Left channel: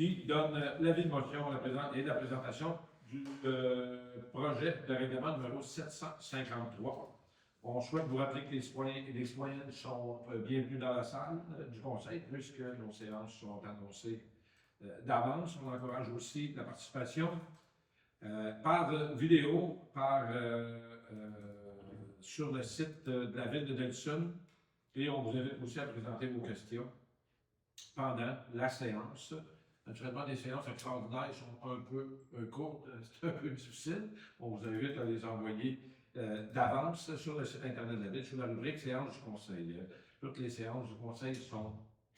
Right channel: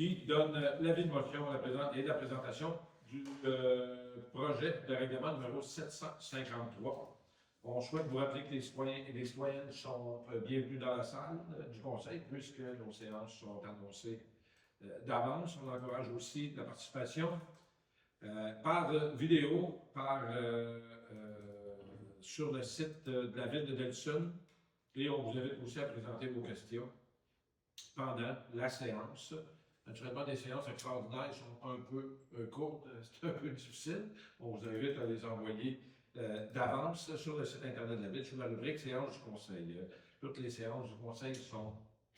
qui donne l'avis de motion et la présentation du projet de règlement numéro 753. On souhaite vous rappeler que les citoyens et les citoyennes sont bienvenus dans la salle du Conseil, puisque nos séances sont annoncées d'avance. On encourage aussi la participation par vidéo, sur le site de la ville de Delson, et on vous invite aussi à présenter vos questions pendant la séance. Naturellement, des séances extraordinaires sont un peu courtes, c'est un peu difficile. On vous invite à les envoyer d'avance sur le site Internet de la Ville, sur la rubrique Séances du Conseil. Toutes les séances du Conseil sont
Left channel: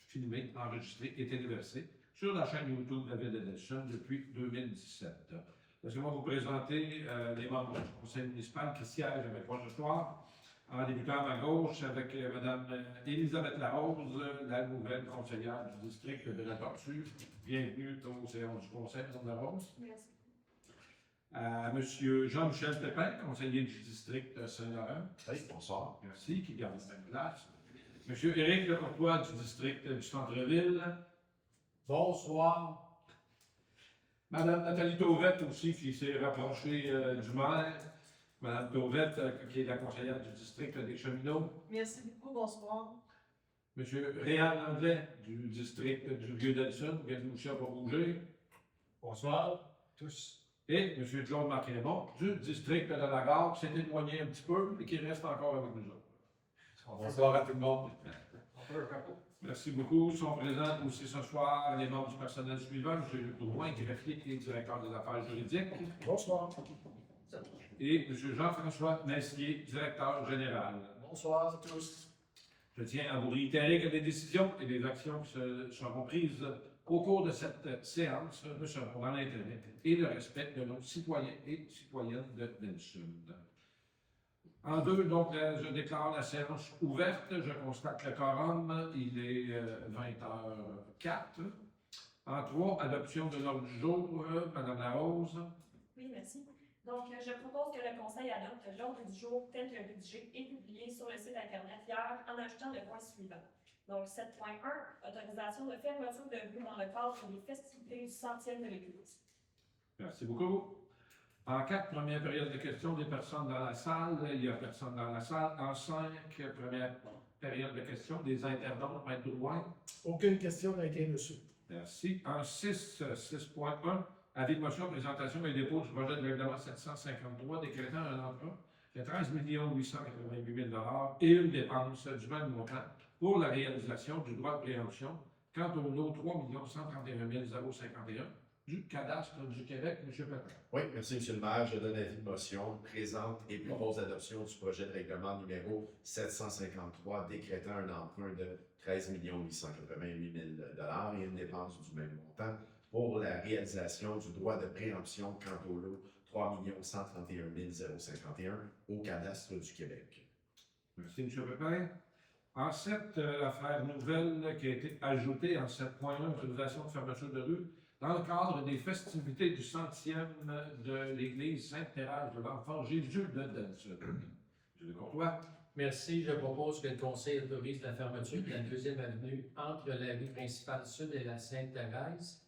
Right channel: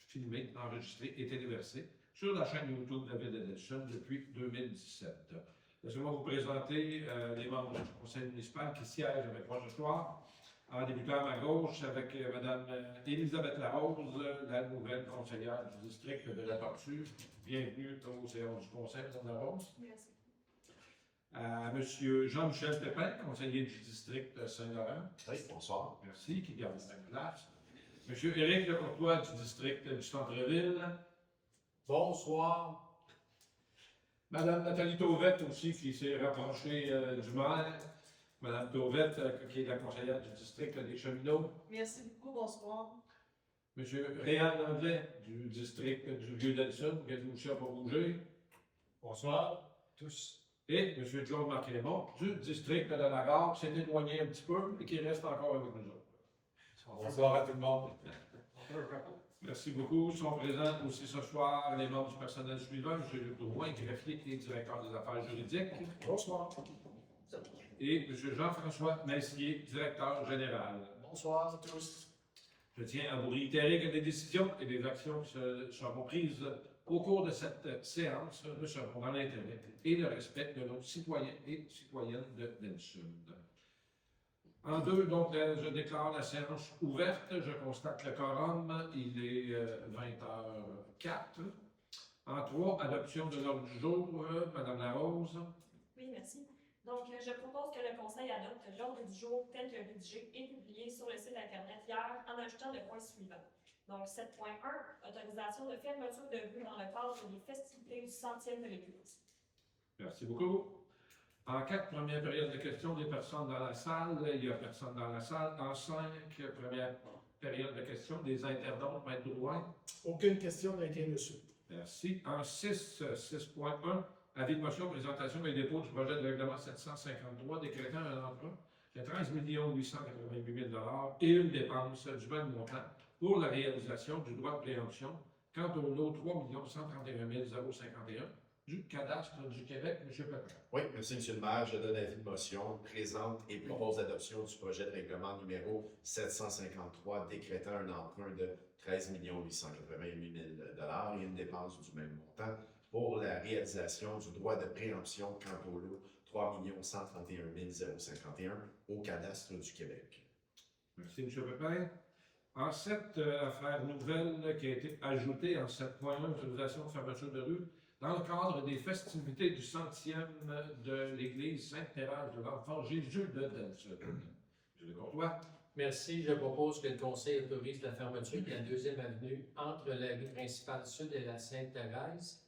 filmées, enregistrées et téléversées sur la chaîne YouTube de la Ville de Delson depuis 2017. Laissez-moi vous présenter les membres du Conseil municipal qui siègent avec moi ce soir. En débutant à ma gauche avec Mme Élisabeth Larose, la nouvelle conseillère du district de la Tortue. Bienvenue aux séances du Conseil, Mme Larose. Merci. M. Jean-Michel Pépin, conseiller du district Saint-Laurent. Oui, bonsoir. Merci, qui garde la même place. M. Éric Lecourtois du district du Centre-Ville. Bonsoir. Mme Nathalie Tauvette aussi, qui s'est rapprochée du maire. Mme Tauvette, qui est la conseillère du district des Cheminots. Merci beaucoup, bonsoir. M. Réal Anglais du district du Vieux-Delson, qui vient aussi à bouger. Bonsoir tous. Et M. John Marc-Raymond du district de la Gare, qui s'est éloigné un petit peu, mais qui reste encore avec nous autres. Bonsoir à tout le monde. Merci beaucoup. Sont présents aussi ce soir les membres du personnel suivant, M. Luc Drouin, greffier et directeur des affaires juridiques. Bonsoir. Et M. Jean-François Messier, directeur général. Bonsoir à tous. Je tiens à vous réitérer que les décisions et les actions qui seront prises au cours de cette séance ne seront dans l'intérêt et le respect de nos citoyens et citoyennes de Delson. En deux, donc, je déclare la séance ouverte. Je constate le quorum. Il est 20h04. En trois, adoption de l'ordre du jour. Mme Larose. Oui, merci. Donc, je propose que le Conseil adopte l'ordre du jour tel que rédigé et publié sur le site Internet hier en ajoutant le point suivant. Donc, 7.1, autorisation de fermeture de rue dans le cadre des festivités du 100e de l'Église. Merci beaucoup. En 4, première période de questions des personnes dans la salle. Il n'y a personne dans la salle. En 5, première période de questions des internautes. Maître Drouin. Aucune question n'a été reçue. Merci. En 6, 6.1, avis de motion, présentation et dépôt du projet de règlement 753 décrétant un emprunt de 13 888 000 et une dépense du même montant pour la réalisation du droit de préemption quant au lot 3 131 051 du cadastre du Québec. M. Pépin. Oui, merci, M. le maire. Je donne avis de motion, présente et propose l'adoption du projet de règlement numéro 753 décrétant un emprunt de 13 888 000 et une dépense du même montant pour la réalisation du droit de préemption quant au lot 3 131 051 au cadastre du Québec. Merci, M. Pépin. En 7, affaire nouvelle qui a été ajoutée en 7.1, autorisation de fermeture de rue dans le cadre des festivités du 100e de l'Église Sainte-Thérèse de l'Enfant Jésus de Delson. M. Courtois. Merci. Je propose que le Conseil autorise la fermeture de la 2e avenue entre la rue principale sud et la Sainte-Thérèse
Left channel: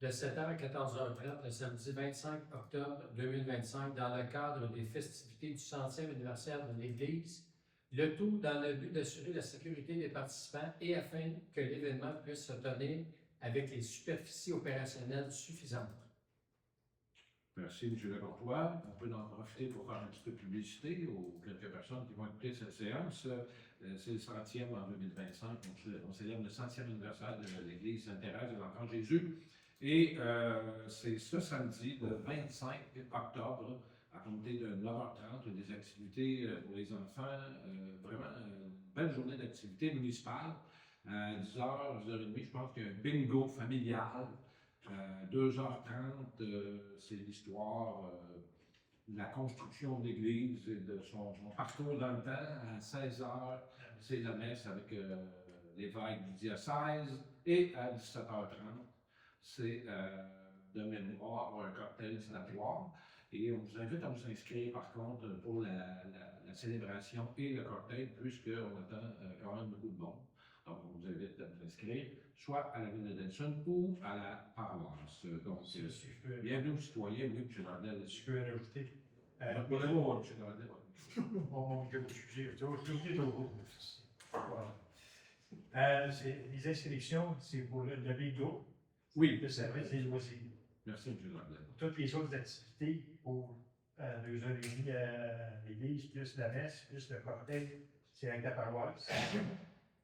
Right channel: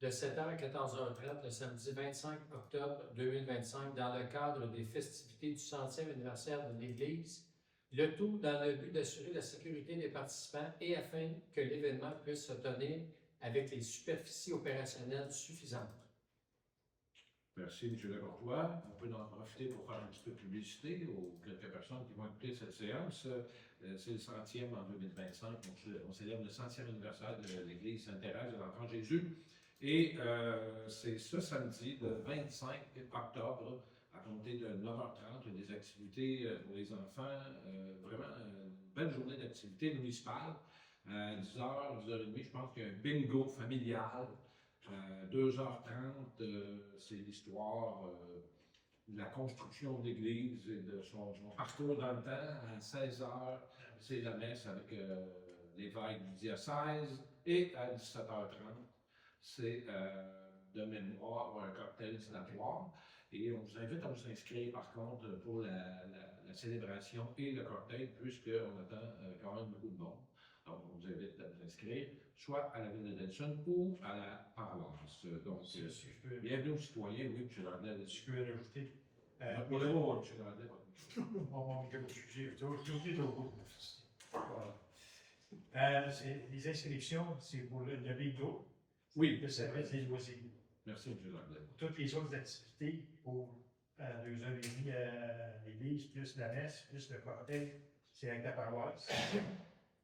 de 7h à 14h30 le samedi 25 octobre 2025 dans le cadre des festivités du 100e anniversaire de l'Église, le tout dans le but d'assurer la sécurité des participants et afin que l'événement puisse se tenir avec les superficies opérationnelles suffisantes. Merci, M. Lecourtois. On peut en profiter pour faire un petit peu de publicité aux quelques personnes qui vont écouter cette séance. C'est le 100e en 2025. On célèbre le 100e anniversaire de l'Église Sainte-Thérèse de l'Enfant Jésus. Et c'est ce samedi, le 25 octobre, à compter de 9h30, des activités pour les enfants. Vraiment une belle journée d'activités municipales. À 10h, 10h30, je pense qu'il y a un bingo familial. 2h30, c'est l'histoire de la construction de l'Église et de son parcours dans le temps. À 16h, c'est la messe avec l'évêque du diocèse. Et à 17h30, c'est de mémoire un cocktail sénatoire. Et on vous invite à vous inscrire, par contre, pour la célébration et le cocktail, puisqu'on attend quand même beaucoup de monde. Donc, on vous invite à vous inscrire, soit à la ville de Delson ou à la paroisse. Donc, Si je peux, bienvenue aux citoyens, oui, M. Landel. si je peux rajouter. Pour le mot, M. Landel. J'ai oublié de voilà. Les inscriptions, c'est pour le BIGO, Oui, le service des loisirs. merci, M. Landel. Toutes les autres activités pour 2h30 à l'église, plus la messe, plus le cocktail, c'est avec la paroisse.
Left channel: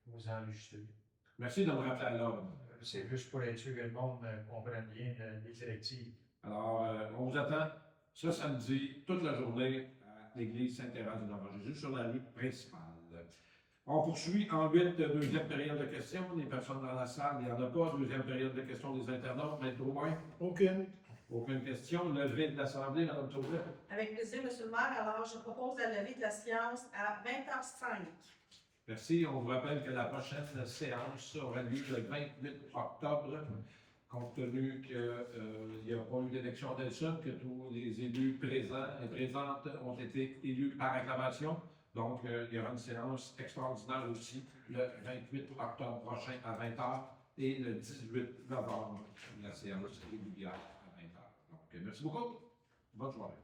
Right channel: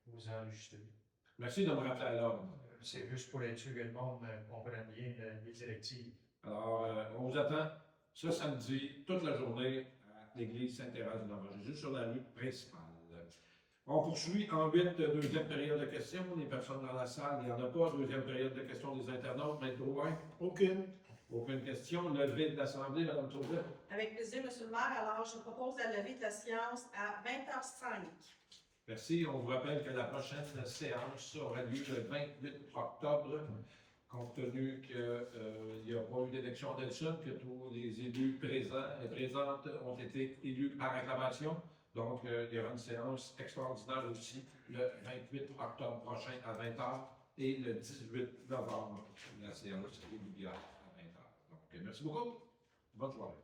Vous enregistrez. Merci de me rappeler à l'ordre. C'est juste pour être sûr que le monde comprenne bien les directives. Alors, on vous attend ce samedi, toute la journée, à l'église Saint-Thérèse de l'Enfant-Jésus, sur la rue principale. On poursuit en 8, deuxième période de questions. Les personnes dans la salle, il n'y en a pas. Deuxième période de questions des internautes. Maître Aucune. aucune question. Levée de l'Assemblée, Mme Tourette. Avec plaisir, M. le maire. Alors, je propose la levée de la séance à 20h05. Merci. On vous rappelle que la prochaine séance aura lieu le 28 octobre, compte tenu qu'il n'y a pas eu d'élection d'Elson, que tous les élus présents et présentes ont été élus par acclamation. Donc, il y aura une séance extraordinaire aussi le 28 octobre prochain à 20h et le 18 novembre, la séance régulière à 20h. Donc, merci beaucoup. Bonne soirée.